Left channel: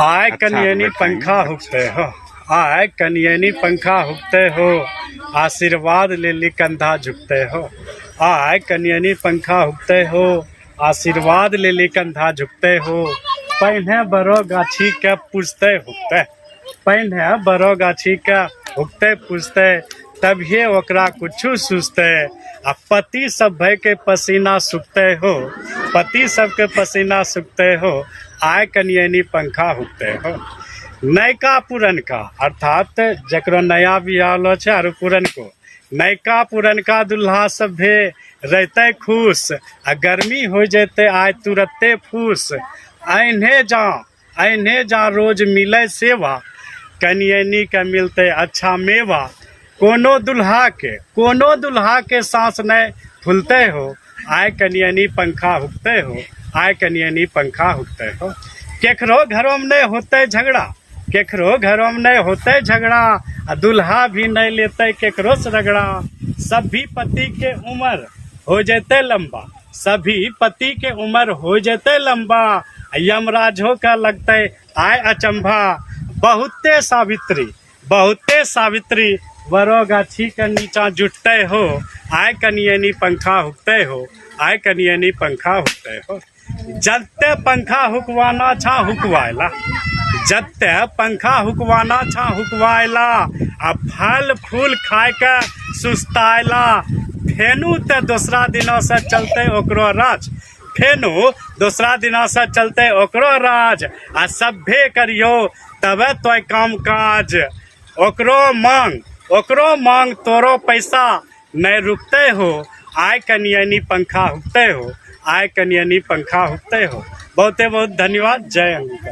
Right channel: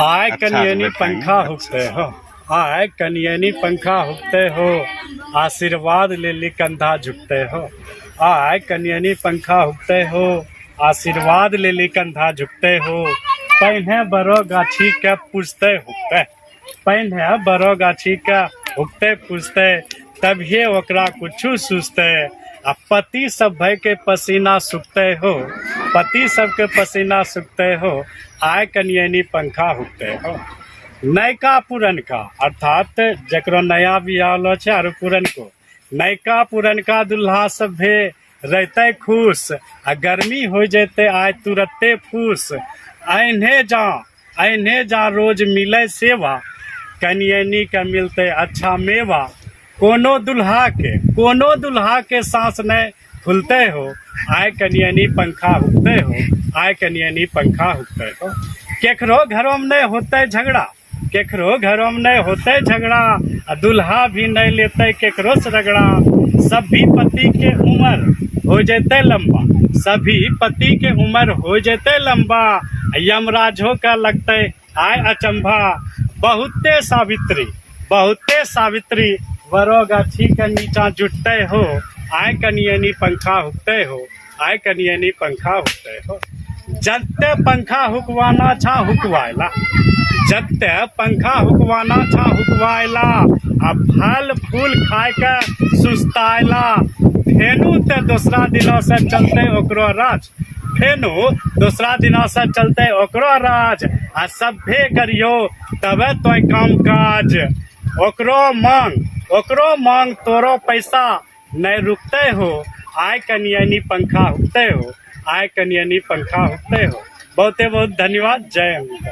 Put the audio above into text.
आय कनियनी पंखा हुकते हो, आय कनियनी पंखा हुकते हो, आशीर्वाद ले ली कंधा झुकते हो। आय कनियनी पंखा हुकते हो, आशीर्वाद ले ली कंधा झुकते हो। पहिने बड़ो गाछी के पूछते हुकते, पहिने बड़ो गाछी के हुकते पूछते, तभिए ओकरा कुछू सूझते। आ पति सब भय के पसीना सुखते हो, पति सबके पसीना सुखते हो। आय कनियनी पंखा हुकते हो। नयका पुरनका अर्थात जकरो नया बियाह लो छै और पुरनको नयका पुरनका दुल्हा सभे रहते खुश, आ गर्मी हो जैते आय तुरते फूस। अहिने जा रोज मिले सेवा, कनियनी के मिलते अच्छा मेवा। कोनो दुल्हा के सांस नहीं फूलते हो, आय कनियनी पंखा हुकते हो, आय कनियनी पंखा हुकते हो। केकरो घरों में नहीं होते झगड़ा, केकरो घरों में नहीं होते झगड़ा, आ दुल्हा भी नहीं लेते केकरो से रगड़ा। सभी पति के उम्र हो जैते लंबा, सभी पति के उम्र हो जैते लंबा। यमराजो का लगते आय अचंभा। बहुते सावित्री वरो गाछी के नीचा जुटते हो, आय कनियनी पंखा हुकते हो, आय कनियनी पंखा हुकते हो। जत्ते पंखा हुकवाना छा हुकवायला, जत्ते पंखा हुकवाना छा हुकवायला। आ फल फूल खाए के सुस्तायला, फेनू ते दूसरा दिनों से चलते ओकरो राज, फेनू दूसरा दिनों से चलते ओकरो राज। आ सभे करियो तबे तो काम काज, ओकरो मांग तोरो पैसा नहीं रुकते हो। आय कनियनी पंखा हुकते हो, आय कनियनी पंखा हुकते हो। बहुत धन्यवाद। जय अंबिका।